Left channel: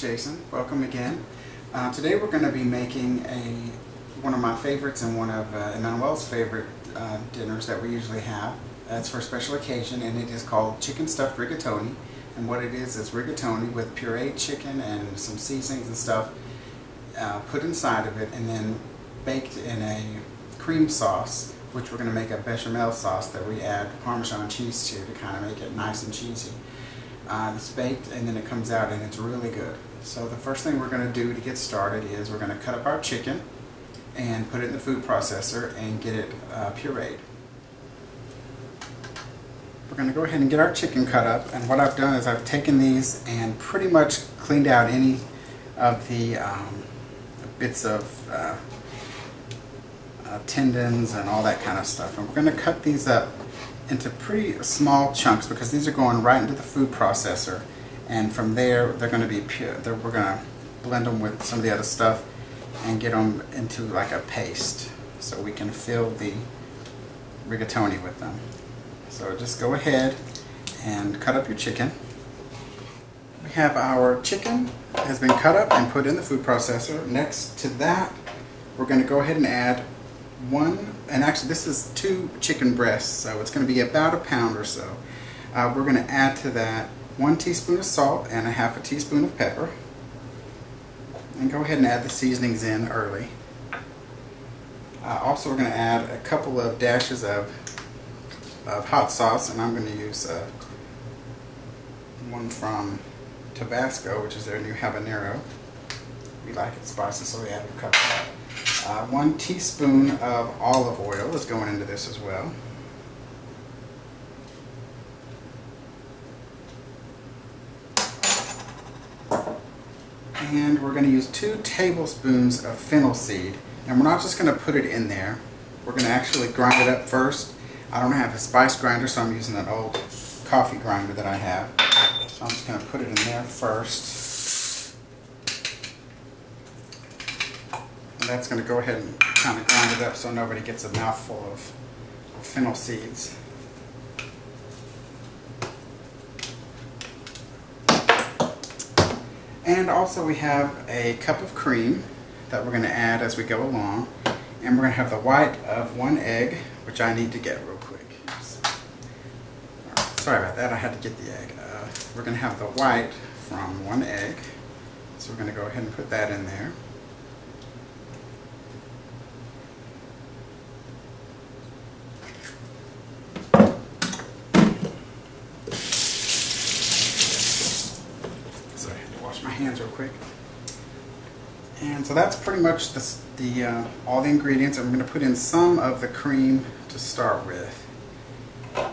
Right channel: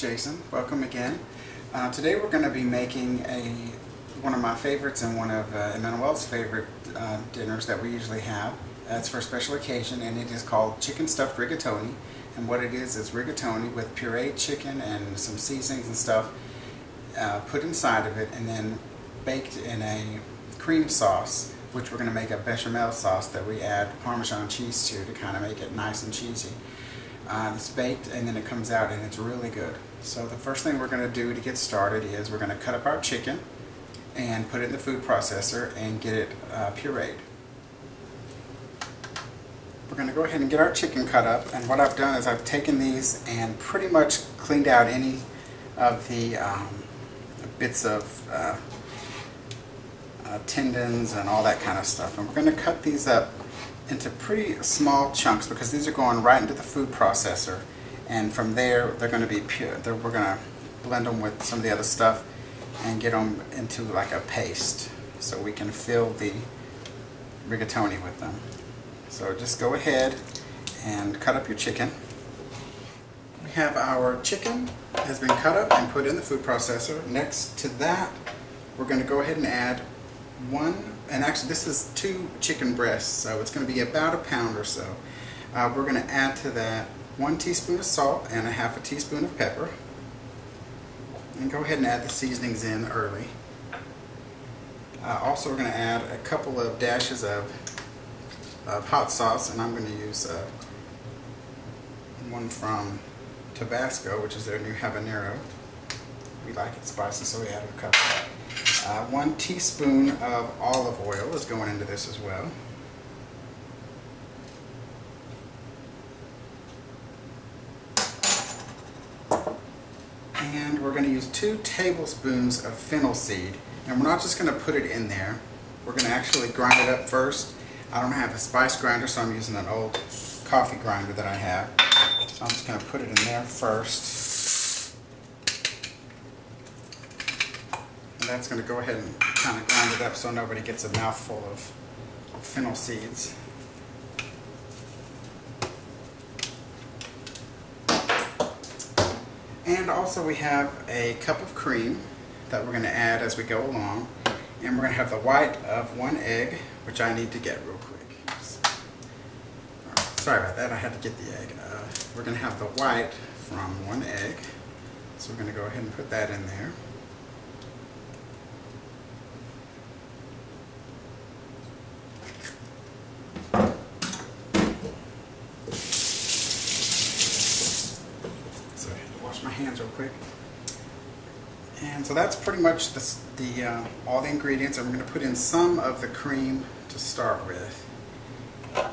Jason. Welcome again. Today we're going to be making one of my favorites and one of Emmanuel's favorite dinners that we usually have. It's for a special occasion, and it is called chicken stuffed rigatoni. And what it is rigatoni with pureed chicken and some seasonings and stuff put inside of it, and then baked in a cream sauce, which we're going to make a bechamel sauce that we add parmesan cheese to kind of make it nice and cheesy. It's baked and then it comes out and it's really good. So the first thing we're going to do to get started is we're going to cut up our chicken and put it in the food processor and get it pureed. We're going to go ahead and get our chicken cut up, and what I've done is I've taken these and pretty much cleaned out any of the bits of tendons and all that kind of stuff, and we're going to cut these up into pretty small chunks because these are going right into the food processor, and from there they're going to be pure. We're going to blend them with some of the other stuff and get them into like a paste so we can fill the rigatoni with them. So just go ahead and cut up your chicken. We have our chicken has been cut up and put in the food processor. Next to that, we're going to go ahead and add and actually this is 2 chicken breasts, so it's going to be about a pound or so. We're going to add to that 1 teaspoon of salt and a half a teaspoon of pepper, and go ahead and add the seasonings in early. Also, we're going to add a couple of dashes of hot sauce, and I'm going to use one from Tabasco, which is their new habanero. We like it spicy, so we added a couple. 1 teaspoon of olive oil is going into this as well. And we're going to use 2 tablespoons of fennel seed. And we're not just going to put it in there. We're going to actually grind it up first. I don't have a spice grinder, so I'm using an old coffee grinder that I have. So I'm just going to put it in there first. And that's going to go ahead and kind of grind it up so nobody gets a mouthful of fennel seeds. And also we have a cup of cream that we're going to add as we go along. And we're going to have the white of 1 egg, which I need to get real quick. Sorry about that, I had to get the egg. We're going to have the white from 1 egg. So we're going to go ahead and put that in there. So I had to wash my hands real quick. And so that's pretty much all the ingredients. I'm going to put in some of the cream to start with. We're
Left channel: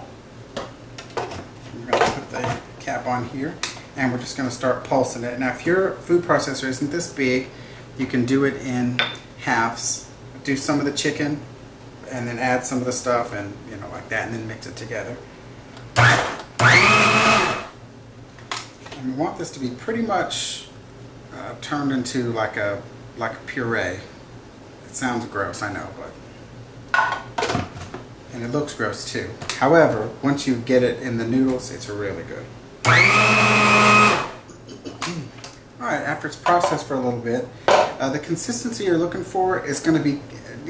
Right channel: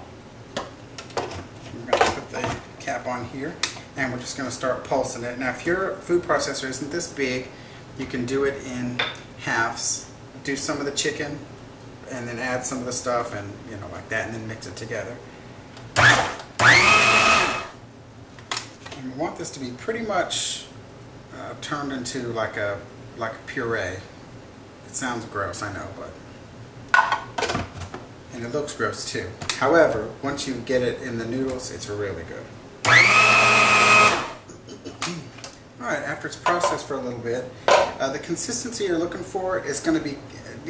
going to put the cap on here, and we're just going to start pulsing it. Now, if your food processor isn't this big, you can do it in halves. Do some of the chicken, and then add some of the stuff, and like that, and then mix it together. And we want this to be pretty much turned into like a puree. It sounds gross, I know, but and it looks gross too. However, once you get it in the noodles, it's really good. Alright, after it's processed for a little bit, the consistency you're looking for is going to be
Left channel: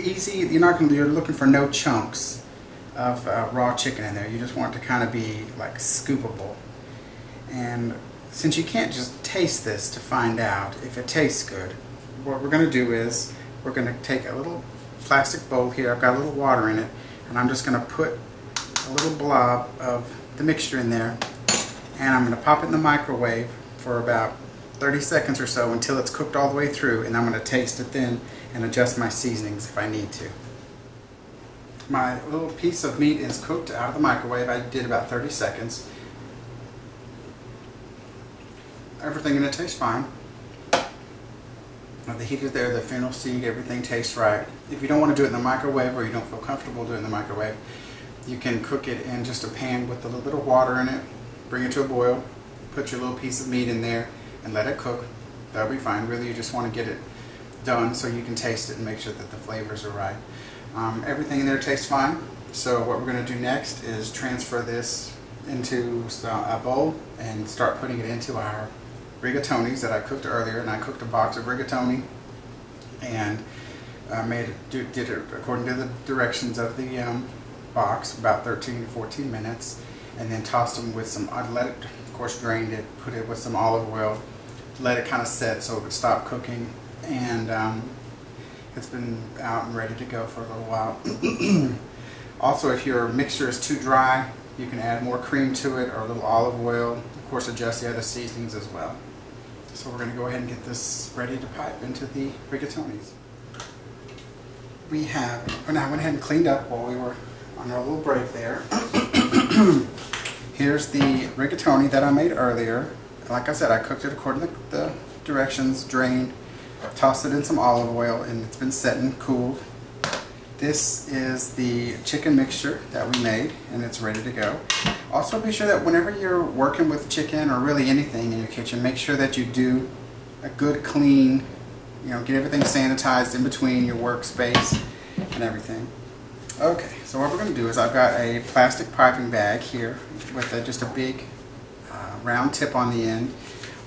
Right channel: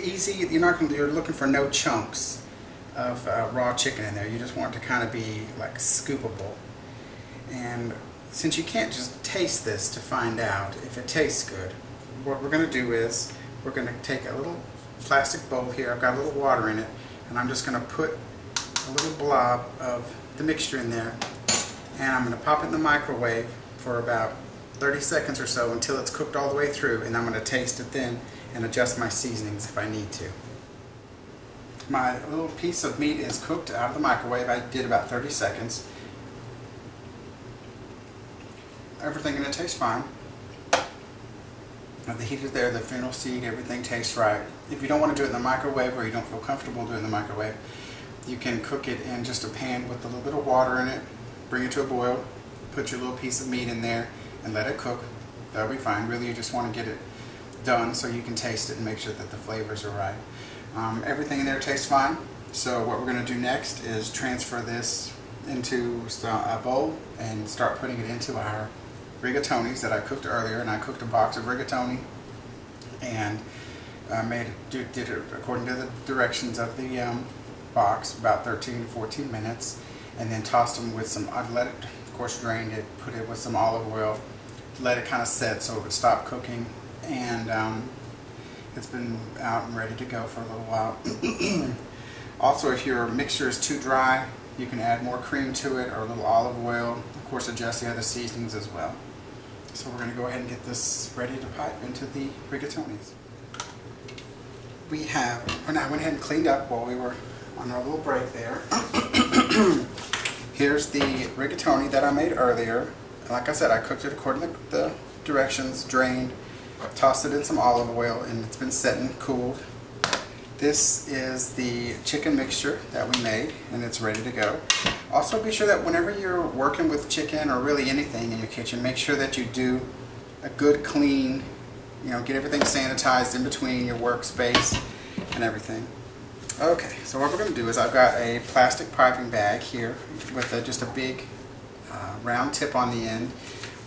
easy. You're looking for no chunks of raw chicken in there. You just want it to kind of be like scoopable. And since you can't just taste this to find out if it tastes good, what we're going to do is we're going to take a little plastic bowl here. I've got a little water in it, and I'm just going to put a little blob of the mixture in there, and I'm going to pop it in the microwave for about 30 seconds or so until it's cooked all the way through, and I'm going to taste it then and adjust my seasonings if I need to. My little piece of meat is cooked out of the microwave. I did about 30 seconds. Everything in it tastes fine. The heat is there, the fennel seed, everything tastes right. If you don't want to do it in the microwave, or you don't feel comfortable doing it in the microwave, you can cook it in just a pan with a little bit of water in it, bring it to a boil, put your little piece of meat in there, and let it cook. That'll be fine. Really, you just want to get it done so you can taste it and make sure that the flavors are right. Everything in there tastes fine. So what we're going to do next is transfer this into a bowl and start putting it into our rigatonis that I cooked earlier, and I cooked a box of rigatoni and did it according to the directions of the box, about 13 to 14 minutes, and then tossed them with some, I let it, of course drained it, put it with some olive oil, let it kind of set so it would stop cooking, and it's been out and ready to go for a little while. Also, if your mixture is too dry, you can add more cream to it or a little olive oil. Of course, adjust the other seasonings as well. So we're going to go ahead and get this ready to pipe into the rigatonis. I went ahead and cleaned up while we were on our little break there. Here's the rigatoni that I made earlier. Like I said, I cooked it according to the directions, drained, tossed it in some olive oil, and it's been set and cooled. This is the chicken mixture that we made, and it's ready to go. Also, be sure that whenever you're working with chicken or really anything in your kitchen, make sure that you do a good clean, get everything sanitized in between your workspace and everything. Okay, so what we're going to do is I've got a plastic piping bag here with just a big round tip on the end,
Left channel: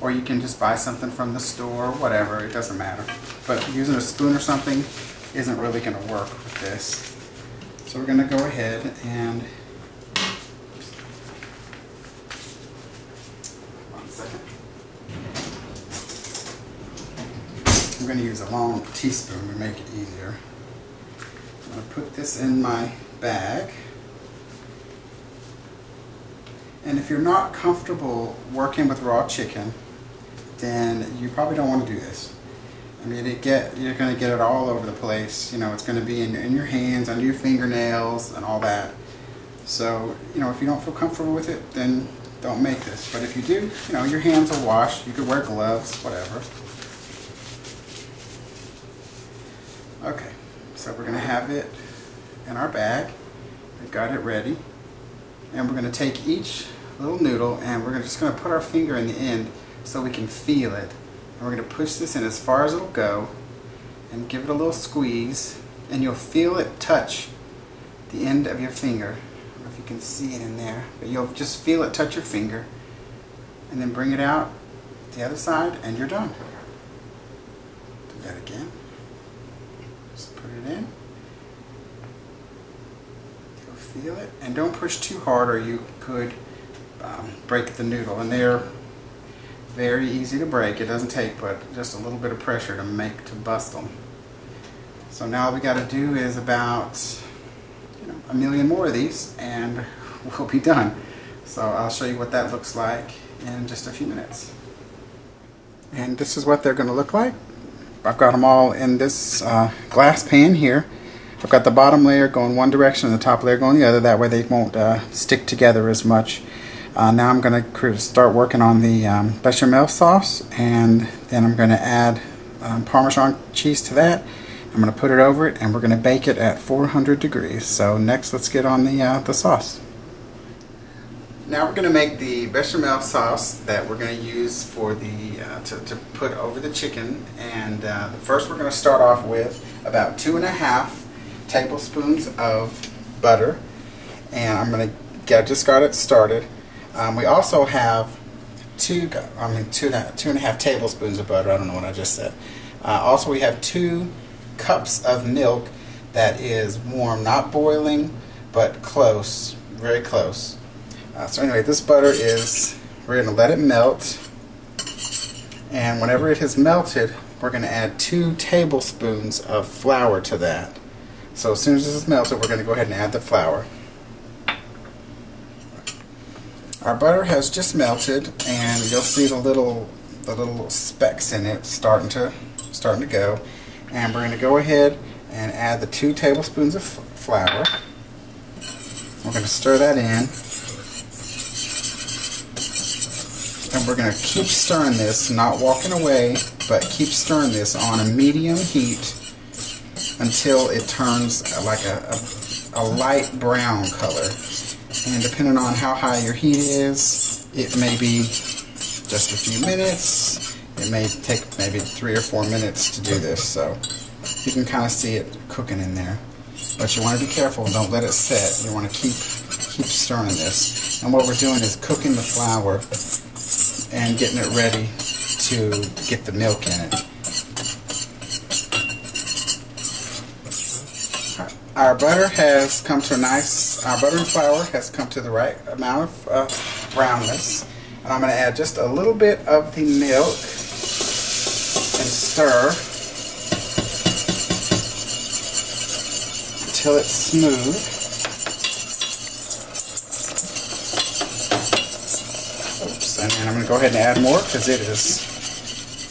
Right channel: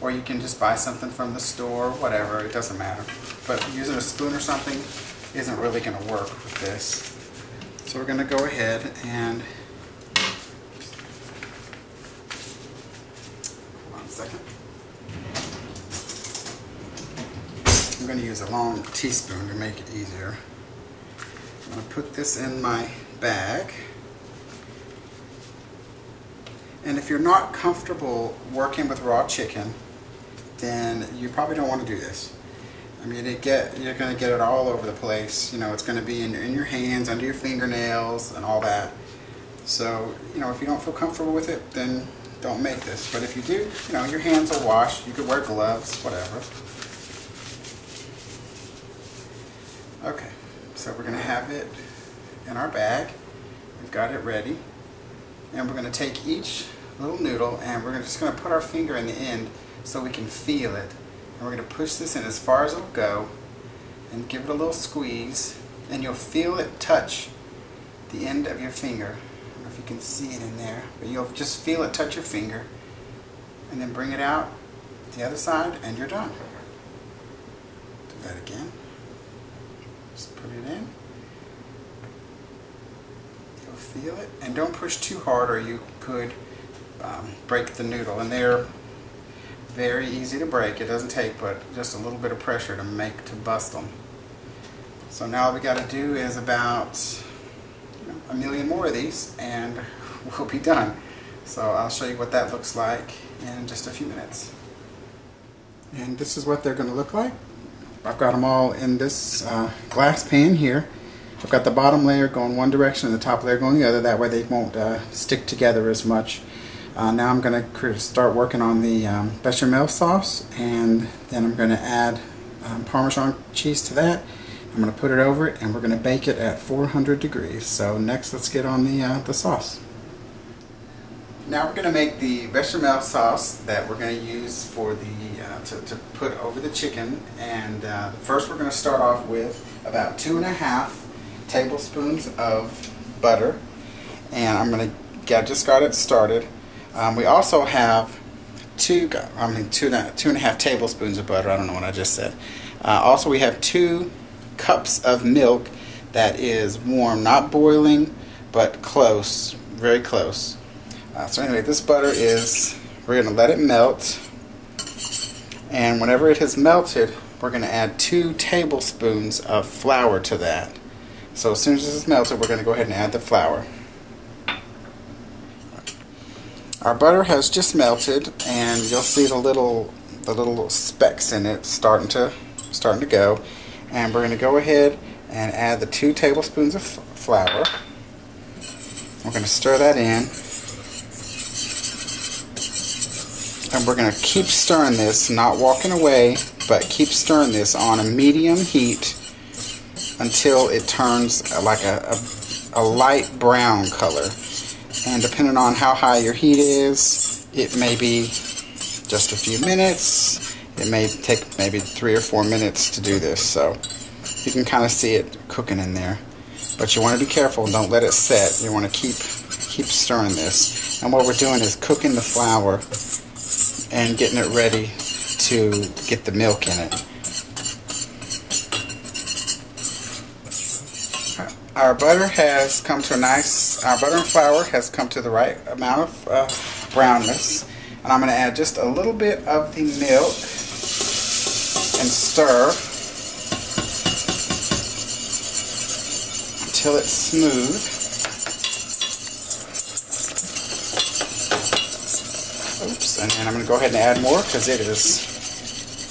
or you can just buy something from the store, whatever, it doesn't matter. But using a spoon or something isn't really going to work with this. So we're going to go ahead and, hold on a second. I'm going to use a long teaspoon to make it easier. I'm going to put this in my bag. And if you're not comfortable working with raw chicken, then you probably don't want to do this. I mean, you're going to get it all over the place. It's going to be in your hands, under your fingernails, and all that. So, if you don't feel comfortable with it, then don't make this. But if you do, your hands are washed. You could wear gloves, whatever. Okay, so we're going to have it in our bag. We've got it ready. And we're going to take each little noodle and we're just going to put our finger in the end so we can feel it. And we're going to push this in as far as it'll go and give it a little squeeze, and you'll feel it touch the end of your finger. I don't know if you can see it in there, but you'll just feel it touch your finger, and then bring it out the other side and you're done. Do that again. Just put it in. You'll feel it, and don't push too hard or you could break the noodle, and they're very easy to break. It doesn't take but just a little bit of pressure to bust them. So now all we got to do is about a million more of these and we'll be done. So I'll show you what that looks like in just a few minutes. And this is what they're going to look like. I've got them all in this glass pan here. I've got the bottom layer going one direction and the top layer going the other. That way they won't stick together as much. Now I'm going to start working on the bechamel sauce, and then I'm going to add Parmesan cheese to that. I'm going to put it over it, and we're going to bake it at 400 degrees. So next, let's get on the sauce. Now we're going to make the bechamel sauce that we're going to use for the to put over the chicken. And first, we're going to start off with about 2.5 tablespoons of butter, and I'm going to just got it started. We also have 2.5 tablespoons of butter. I don't know what I just said. Also, we have 2 cups of milk that is warm, not boiling, but close, very close. So anyway, this butter we're going to let it melt, and whenever it has melted, we're going to add 2 tablespoons of flour to that. So as soon as this is melted, we're going to go ahead and add the flour. Our butter has just melted, and you'll see the little specks in it starting to go. And we're going to go ahead and add the 2 tablespoons of flour. We're going to stir that in, and we're going to keep stirring this, not walking away, but keep stirring this on a medium heat until it turns like a light brown color. And depending on how high your heat is, it may be just a few minutes. It may take maybe 3 or 4 minutes to do this. So you can kind of see it cooking in there. But you want to be careful. Don't let it set. You want to keep stirring this. And what we're doing is cooking the flour and getting it ready to get the milk in it. Our butter has come to our butter and flour has come to the right amount of brownness. And I'm going to add just a little bit of the milk and stir until it's smooth. Oops, and then I'm going to go ahead and add more because it is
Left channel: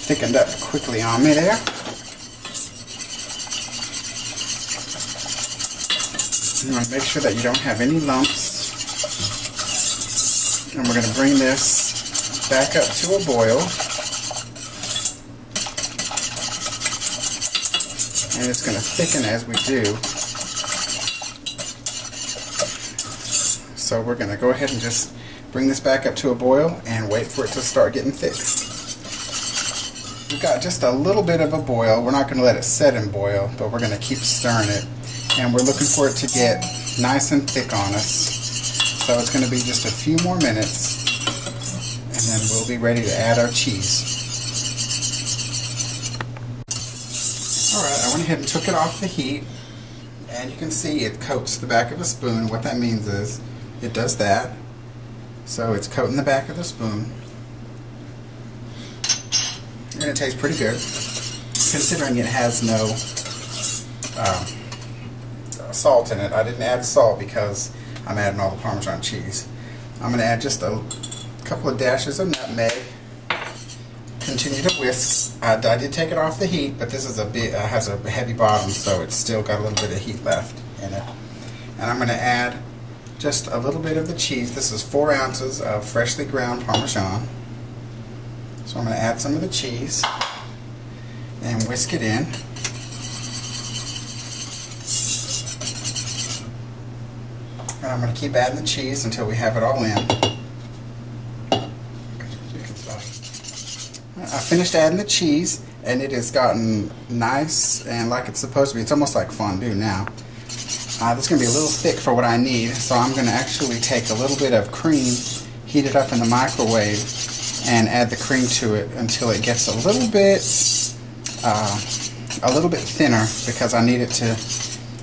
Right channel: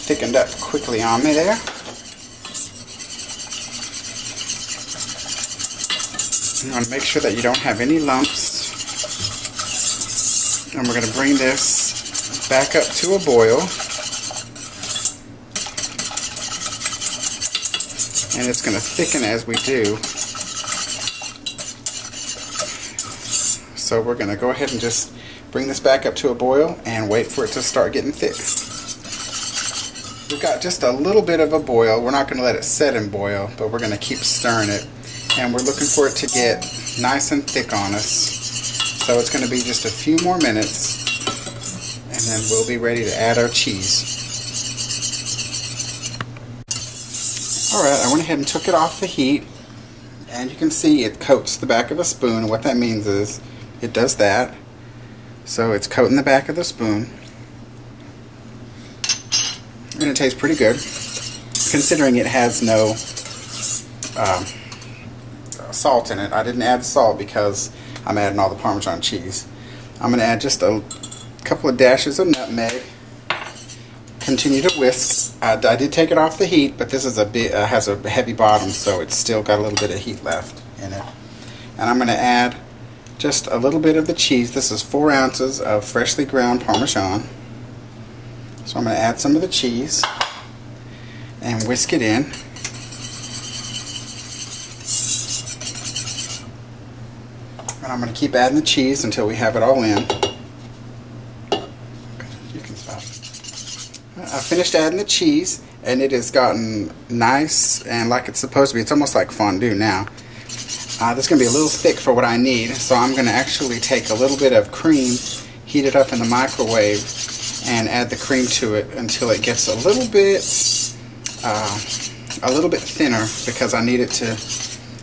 thickened up quickly on me there. You want to make sure that you don't have any lumps. And we're going to bring this back up to a boil. And it's going to thicken as we do. So we're going to go ahead and just bring this back up to a boil and wait for it to start getting thick. We've got just a little bit of a boil. We're not going to let it set and boil, but we're going to keep stirring it. And we're looking for it to get nice and thick on us. So it's going to be just a few more minutes, and then we'll be ready to add our cheese. Alright, I went ahead and took it off the heat, and you can see it coats the back of a spoon. What that means is it does that. So it's coating the back of the spoon. And it tastes pretty good, considering it has no salt in it. I didn't add salt because I'm adding all the Parmesan cheese. I'm going to add just a couple of dashes of nutmeg. Continue to whisk. I did take it off the heat, but this is has a heavy bottom, so it's still got a little bit of heat left in it. And I'm going to add just a little bit of the cheese. This is 4 ounces of freshly ground Parmesan. So I'm going to add some of the cheese and whisk it in. And I'm going to keep adding the cheese until we have it all in. You can stop. I finished adding the cheese, and it has gotten nice and like it's supposed to be. It's almost like fondue now. This is going to be a little thick for what I need, so I'm going to actually take a little bit of cream, heat it up in the microwave, and add the cream to it until it gets a little bit thinner, because I need it to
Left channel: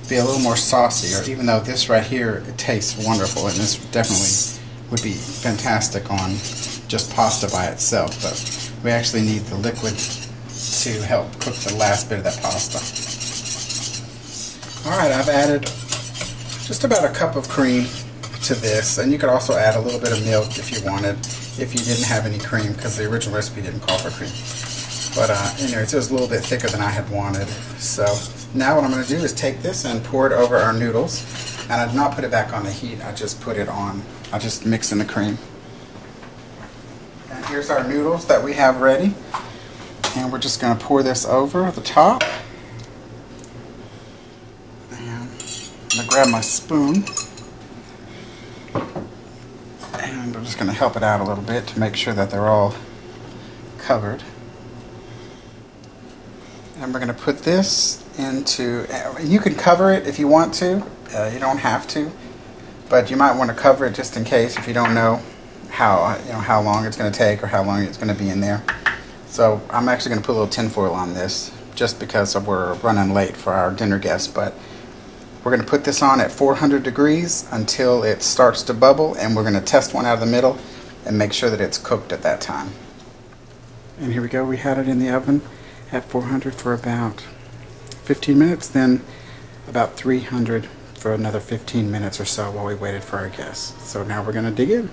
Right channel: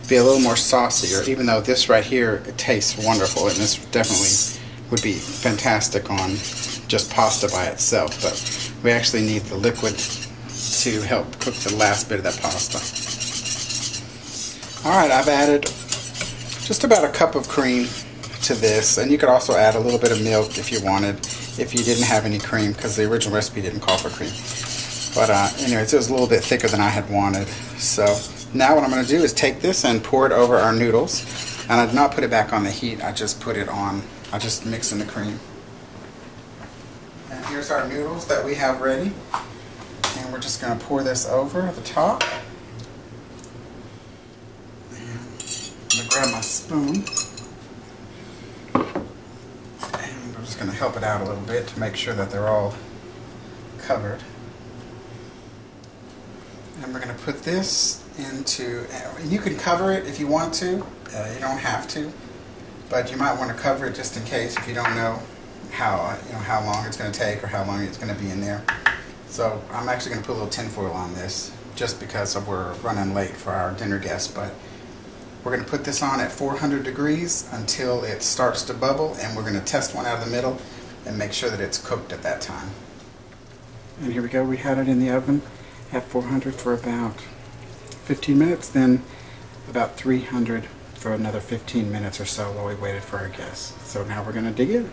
be a little more saucier, even though this right here, it tastes wonderful, and this definitely would be fantastic on just pasta by itself, but we actually need the liquid to help cook the last bit of that pasta. Alright, I've added just about a cup of cream to this, and you could also add a little bit of milk if you wanted, if you didn't have any cream, because the original recipe didn't call for cream. But anyways, it was a little bit thicker than I had wanted. So now what I'm going to do is take this and pour it over our noodles. And I did not put it back on the heat, I just put it on, I just mixed in the cream. And here's our noodles that we have ready. And we're just going to pour this over the top. And I'm going to grab my spoon. And I'm just going to help it out a little bit to make sure that they're all covered. And we're going to put this into, you can cover it if you want to, you don't have to, but you might want to cover it just in case if you don't know how long it's going to take or how long it's going to be in there. So I'm actually going to put a little tin foil on this just because we're running late for our dinner guests, but we're going to put this on at 400 degrees until it starts to bubble, and we're going to test one out of the middle and make sure that it's cooked at that time. And here we go, we had it in the oven at 400 for about 15 minutes, then about 300 for another 15 minutes or so while we waited for our guests. So now we're going to dig in.